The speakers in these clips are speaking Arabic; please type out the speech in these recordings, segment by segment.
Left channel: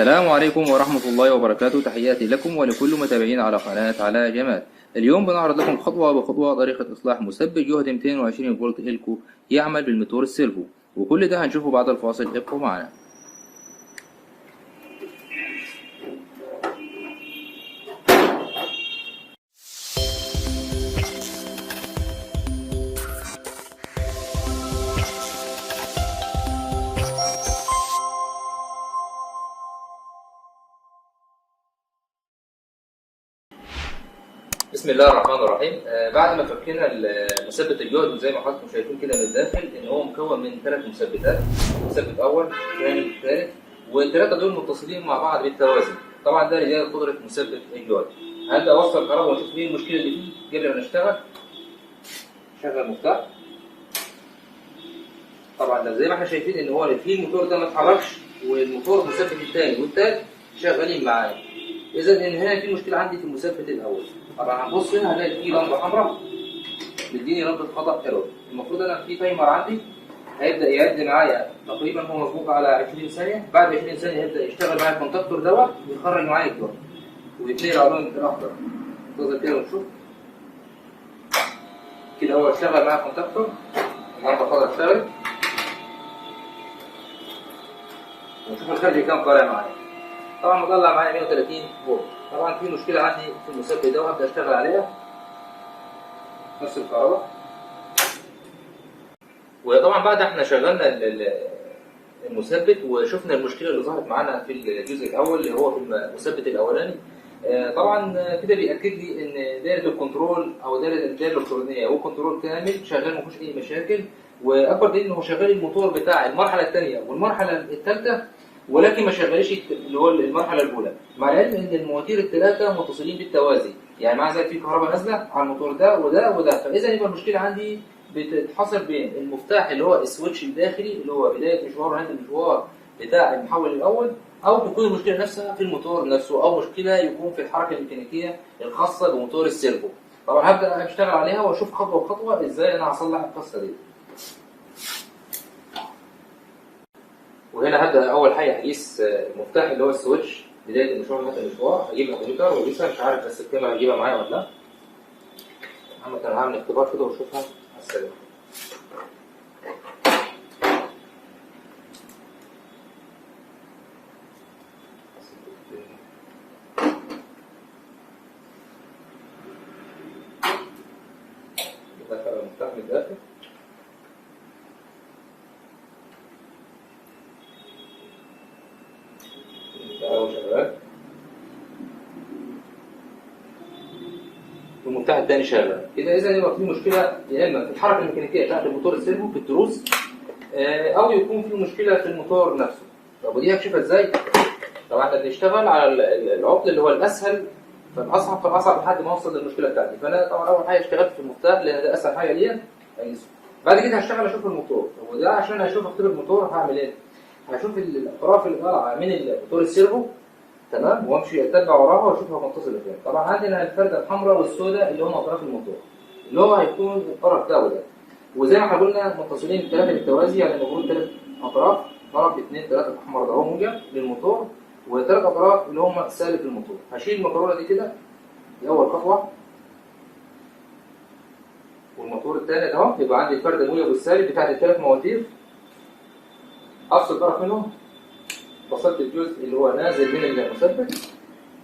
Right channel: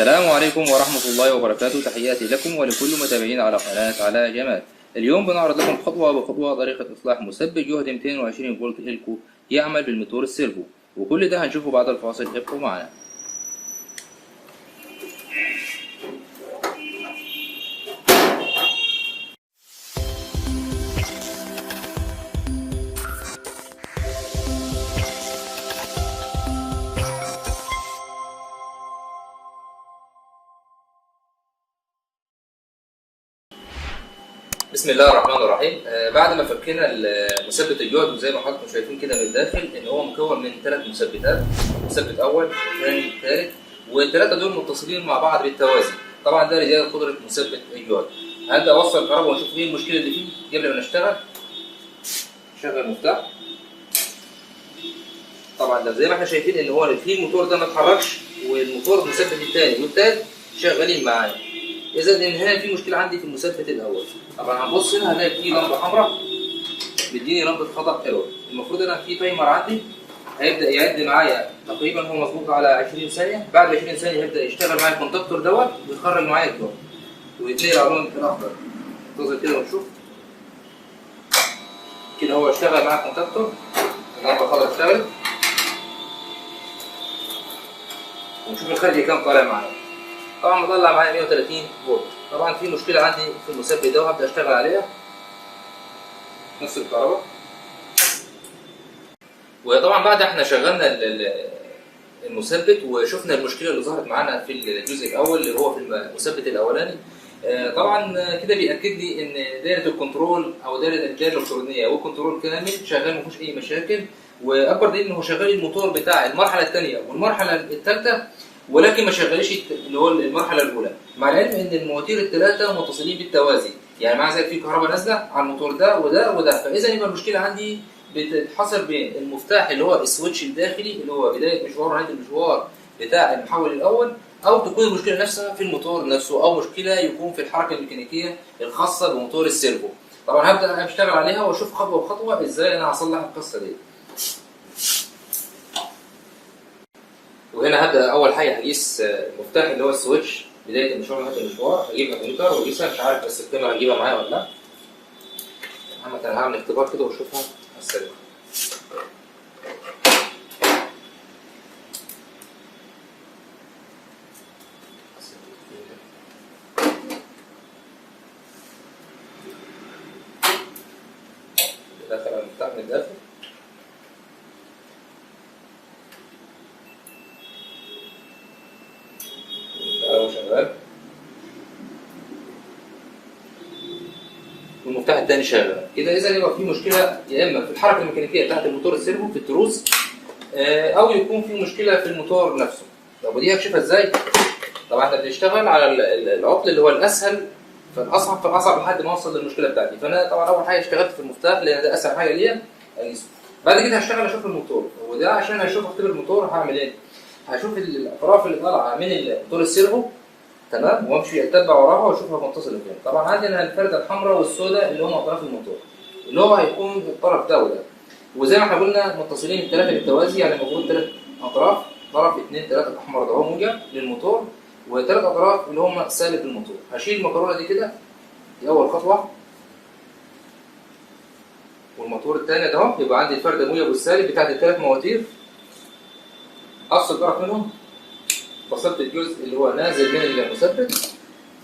السلام عليكم ورحمة الله وبركاته. تحياتي لكم ولكل متابعين على قناة علاء جمال. اليوم بنعرض لكم خطوة بخطوة طريقة إصلاح مثبت جهد 220 فولت إلكو يعمل بالموتور السيرفو، وكل ده هنشوفه بعد الفاصل. ابقوا معنا. بسم الله الرحمن الرحيم. بعد ما فكينا مثبت الجهد، وزي ما حضراتكم شايفين كده من الداخل ان هو مكون من 3 مثبتات، مثبت اول ثاني ثالث، والثلاثه دول متصلين مع بعض بالتوازي. طبعا ده لزياده قدره مثبت الجهد. هبدا اوصل الكهرباء ونشوف ايه المشكله اللي فيه قبل ما نشتغل. شغل المفتاح. طبعا ده زي ما احنا شايفين ان هو في الموتور ده ما اتحركش، والموتور المثبت الثاني والثالث شغالين معايا. اذا ان هنا في مشكله عندي في المثبت الاول. طبعا هنبص هنا هنلاقي في لمبه حمراء مديني لمبه خطا ايرور. المفروض انا في تايمر عندي هيبدا يعد معايا، تقريبا هو مظبوط على 20 ثانيه. بعد 20 ثانيه هيبدا يشتغل معايا الكونتاكتور دوت ويخرج معايا الجهد ويتنقل على اللون الاخضر. ننتظر كده ونشوف. كده هو اشتغل معايا الكونتاكتور، اللمبه الخضراء اشتغلت، ونشوف الخارجي كام طالع معايا. طبعا مطلع معايا 130 فولت. طبعا في مشكله عندي في المثبت ده وهبدا اشتغل عليها. نفس الكهرباء. وطبعا بعد احنا شغلنا المثبت وشفنا المشكله اللي ظهرت معانا في الجزء الاول اللي هو في المثبت الاولاني، طبعا كده بياكد لي ان دايره الكنترول او الدايره الالكترونيه والكنترول كامل شغال، ما فيهوش اي مشاكل. واكبر دليل ان هو شغال الموتور بتاع المرحله الثانيه والمرحله الثالثه، ولكن ما شغلش اللي هو المرحله الاولى، مع العلم ان المواتير الثلاثه متصلين بالتوازي. يعني مع ذلك في كهرباء نازله على الموتور ده وده وده، فاذا يبقى المشكله عندي بتتحصر بين المفتاح اللي هو السويتش الداخلي اللي هو بدايه مشوار ونهايه المشوار بتاع المحول الاول، او تكون المشكله نفسها في الموتور نفسه، او مشكله يكون في الحركه الميكانيكيه الخاصه بموتور السيرفو. طبعا هبدا اشتغل عليها واشوف خطوه بخطوه ازاي انا هصلح القصه دي. وهنا هبدا اول حاجه هقيس المفتاح اللي هو السويتش بدايه المشوار ونهايه المشوار. هجيب الكمبيوتر واقيسها، مش عارف بس الكاميرا هجيبها معايا ولا لا. محمد انا هعمل اختبار كده واشوفها على السريع. دخل المفتاح من الداخل. هو شغال، والمفتاح الثاني شغال كده. اذا يبقى في مشكله يا اما في الحركه الميكانيكيه بتاعت الموتور السيرفو في التروس، او يكون في مشكله في الموتور نفسه. طب ودي هكشفها ازاي؟ طبعا احنا بنشتغل على العطل اللي هو الاسهل فالاصعب فالاصعب لحد ما اوصل للمشكله بتاعتي. فانا طبعا اول حاجه اشتغلت في المفتاح لان ده اسهل حاجه ليا اقيسه. بعد كده هشتغل اشوف الموتور، وده عشان اشوف اختبر الموتور هعمل ايه؟ هشوف الاطراف اللي طالعه من الموتور السيرفو، تمام، وامشي اتبع وراها واشوفها متصله فين. طبعا عندنا الفرده الحمراء والسوداء اللي هم اطراف الموتور، اللي هو هيكون الطرف ده وده. وزي ما احنا قلنا متصلين الثلاثه بالتوازي، يعني المفروض 3 اطراف، طرف 2 3 الاحمر ده هو موجب للموتور، وثلاث اطراف اللي هم سالب للموتور. هشيل المكرونه دي كده، دي اول خطوه. والموتور الثاني ده اهو يبقى عندي الفرده الموجب والسالب بتاعت الثلاث مواتير. افصل طرف منهم، فصلت الجزء اللي هو نازل من المثبت.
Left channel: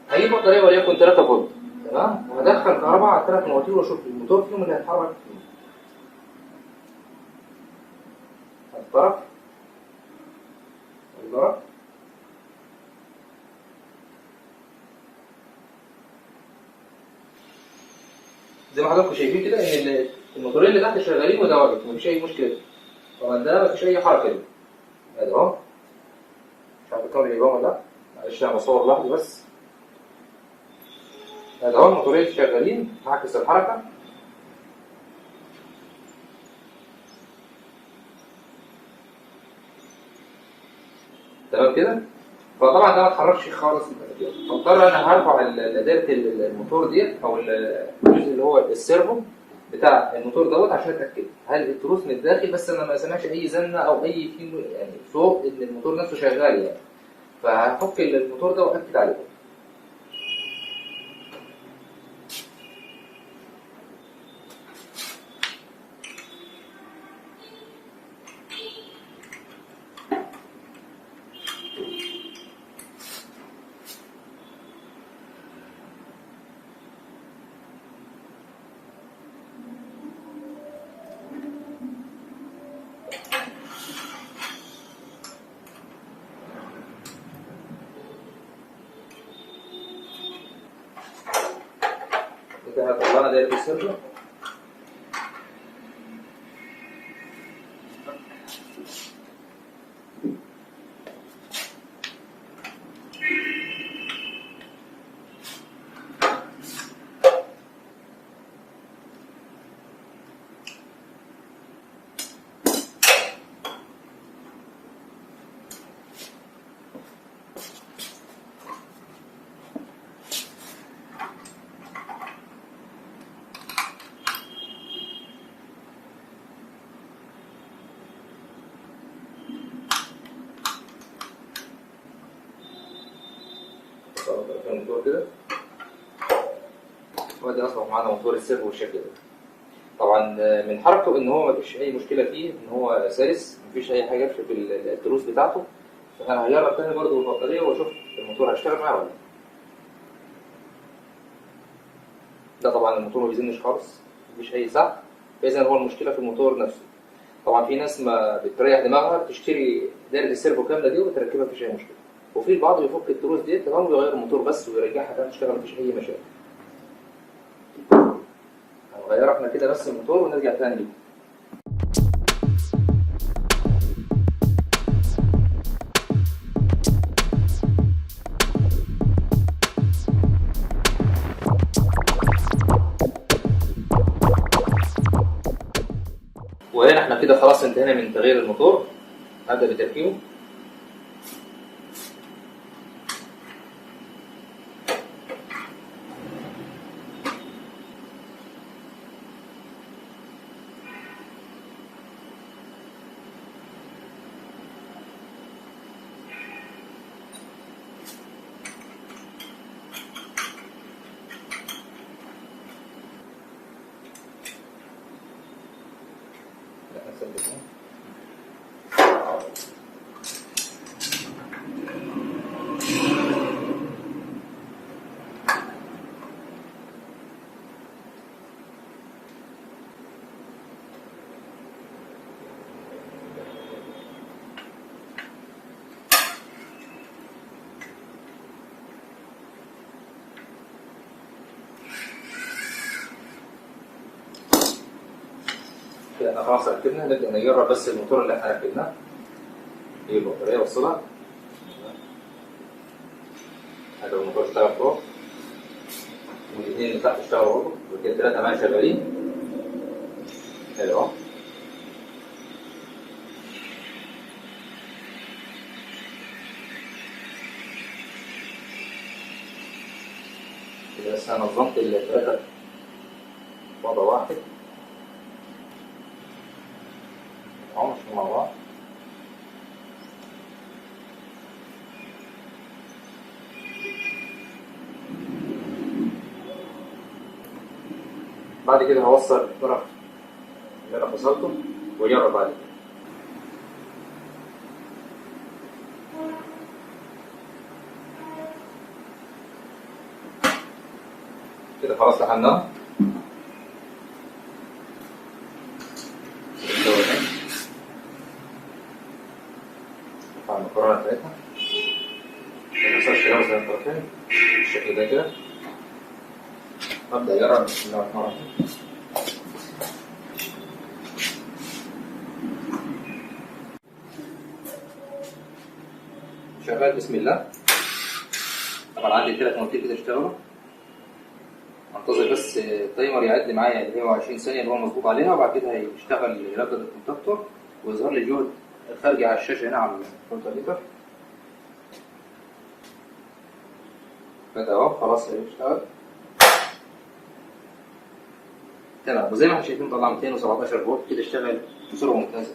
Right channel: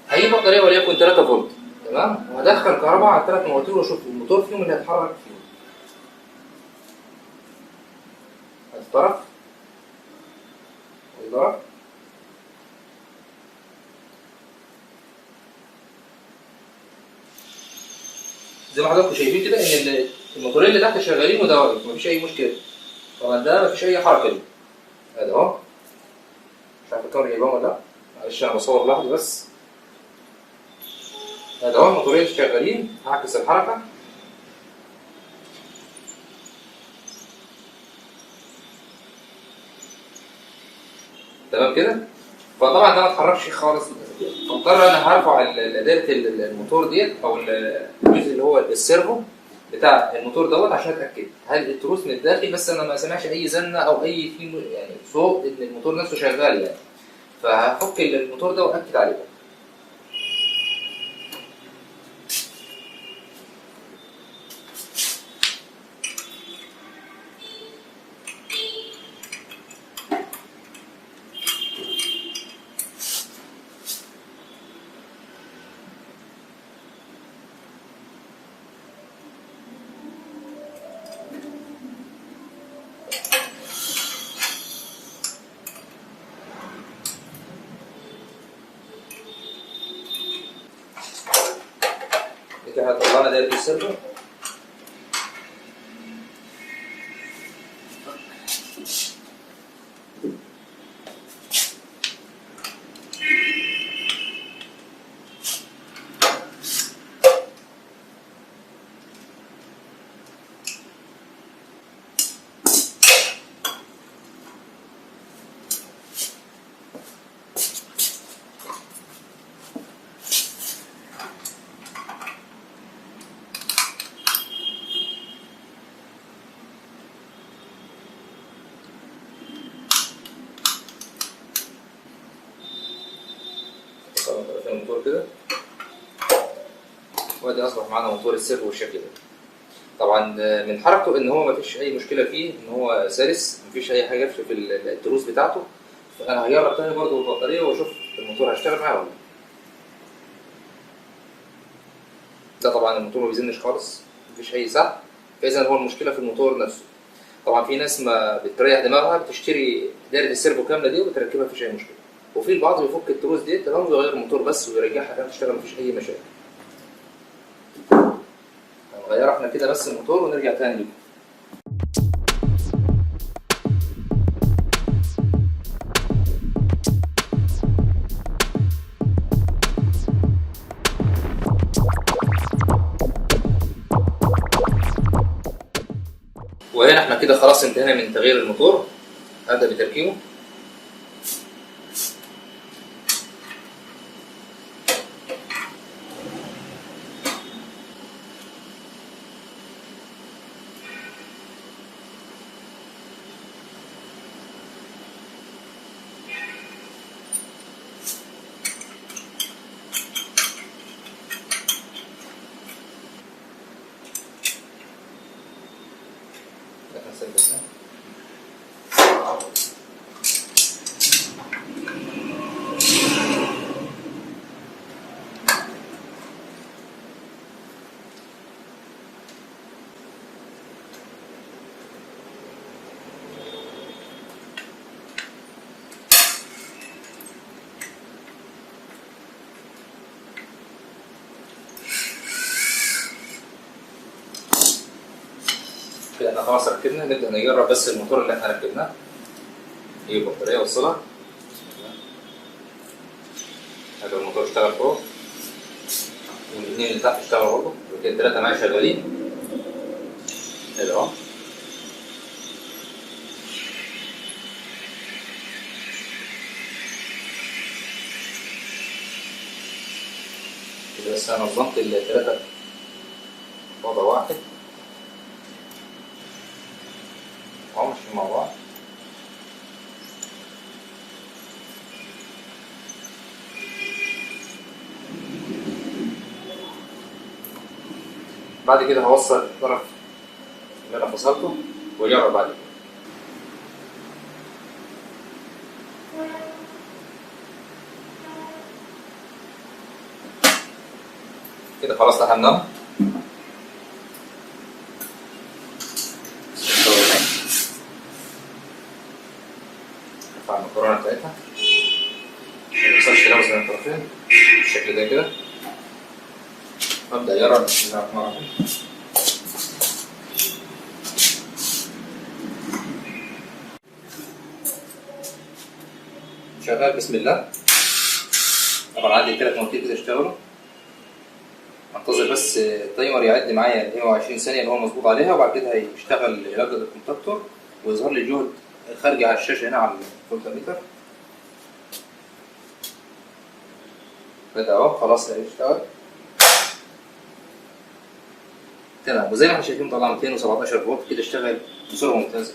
هجيب بطاريه وليكن 3 فولت، تمام، وهدخل كهرباء على الثلاث مواتير واشوف الموتور فيهم اللي هيتحرك فيهم. ادي طرف وادي طرف. زي ما حضراتكم شايفين كده ان الموتورين اللي تحت شغالين وده واقف، مفيش اي مشكله. طبعا ده مفيش اي حركه ليه. ادي اهو، مش عارف الكاميرا جايباه ولا لا، معلش انا بصور لوحدي بس. ادي اهو الموتورين شغالين، هعكس الحركه. تمام كده. فطبعا ده ما اتحركش خالص، فاضطر انا هرفع دايره الموتور ديت او الجزء اللي هو السيرفو بتاع الموتور دوت عشان اتاكد هل التروس من الداخل، بس انا ما سمعش اي زنه او اي يعني صوت ان الموتور نفسه شغال يعني. فهفك الموتور ده واكد عليه. كده طلعنا دايره السيرفو. طرفين الموتور كده، وادي اصبح معانا موتور السيرفو بالشكل ده. طبعا من حركته ان هو مفيش اي مشكله فيه، ان هو سلس، مفيش اي حاجه في التروس بتاعته. فانا هجرب تاني برضه بالبطاريه واشوف الموتور هيشتغل معايا ولا لا. ده طبعا الموتور ما بيزنش خالص، مفيش اي سحب، فاذا هو المشكله في الموتور نفسه. طبعا في ناس ما بتريح دماغها بتشتري دايره السيرفو كامله دي وبتركبها، مفيش اي مشكله. وفي البعض بيفك التروس دي تمام ويغير الموتور بس ويرجعها تاني تشتغل، مفيش اي مشاكل. هنغير احنا كده بس الموتور ونرجع تاني لكم. وهنا احنا كده خلاص انتهينا من تغيير الموتور. هبدأ بتركيبه. ثبتناه. كده احنا خلاص ركبنا، نبدأ نجرب بس الموتور اللي احنا ركبناه. نجيب البطارية وصلها. هذا الموتور اشتغل فوق، والاثنين اللي تحت اشتغلوا برضه، وكده الثلاثة معايا شغالين. حلو اهو. كده بس انا نظمت الثلاثة في وضع واحد. اهو ماشيين مع بعض. بعد كده هوصل الطرف اللي انا فصلته واجرب بعد كده. كده خلاص لحمناها. نرفع المكرونة بتاعتها عشان ميحصلش تلامس بين الطرفين بالشكل ده كده. أبدأ أجرب. بسم الله الرحمن الرحيم. شغال بسم الله. طبعا عندي 3 مواتير كده اشتغلوا. انتظر بس التايمر يعد معايا اللي هو 20 ثانية اللي هو مظبوط عليها، وبعد كده هيشتغل يردد الكونتاكتور ويظهر لي الجهد خارجي على الشاشة هنا على الفولتميتر. بدأ اهو خلاص اشتغل تمام. وزي ما احنا شايفين طلع 217 فولت كده، اشتغل بسرعة ممتازة.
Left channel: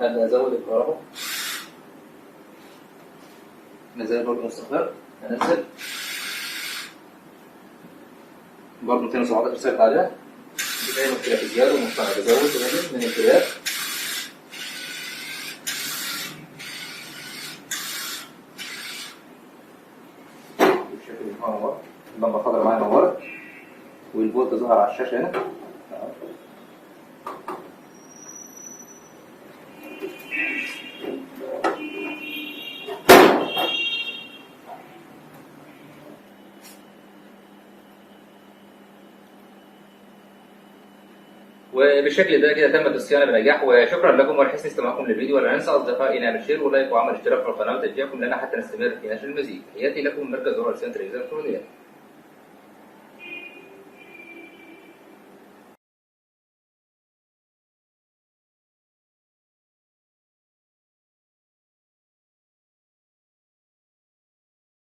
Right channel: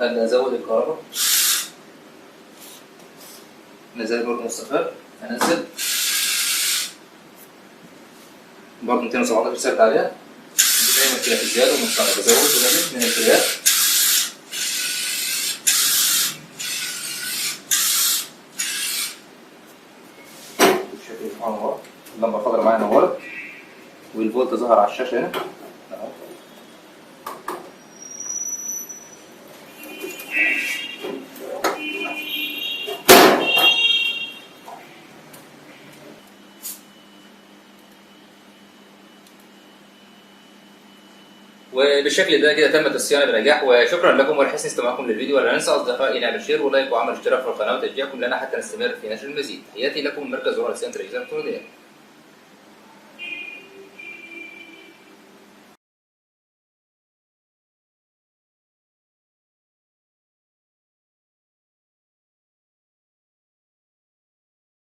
هبدأ أزود الكهرباء. مازال برضه مستقر. هنزل برضه 217 ثابت عليها. مفيش أي مشكلة في الزيادة والمصنع، بزود وبقلل من الفريات. بالشكل ده نورت، اللمبة الخضراء معايا نورت، والفولت ظهر على الشاشة هنا اهو. وبالشكل ده كده تمت الصيانه بنجاح، وشكرا لكم ولحسن استماعكم للفيديو. ولا ننسى اصدقائي نعمل شير ولايك وعمل اشتراك في القناه وتشجيعكم لنا حتى نستمر في نشر المزيد. تحياتي لكم من مركز رؤى لصيانه الاجهزه الالكترونيه.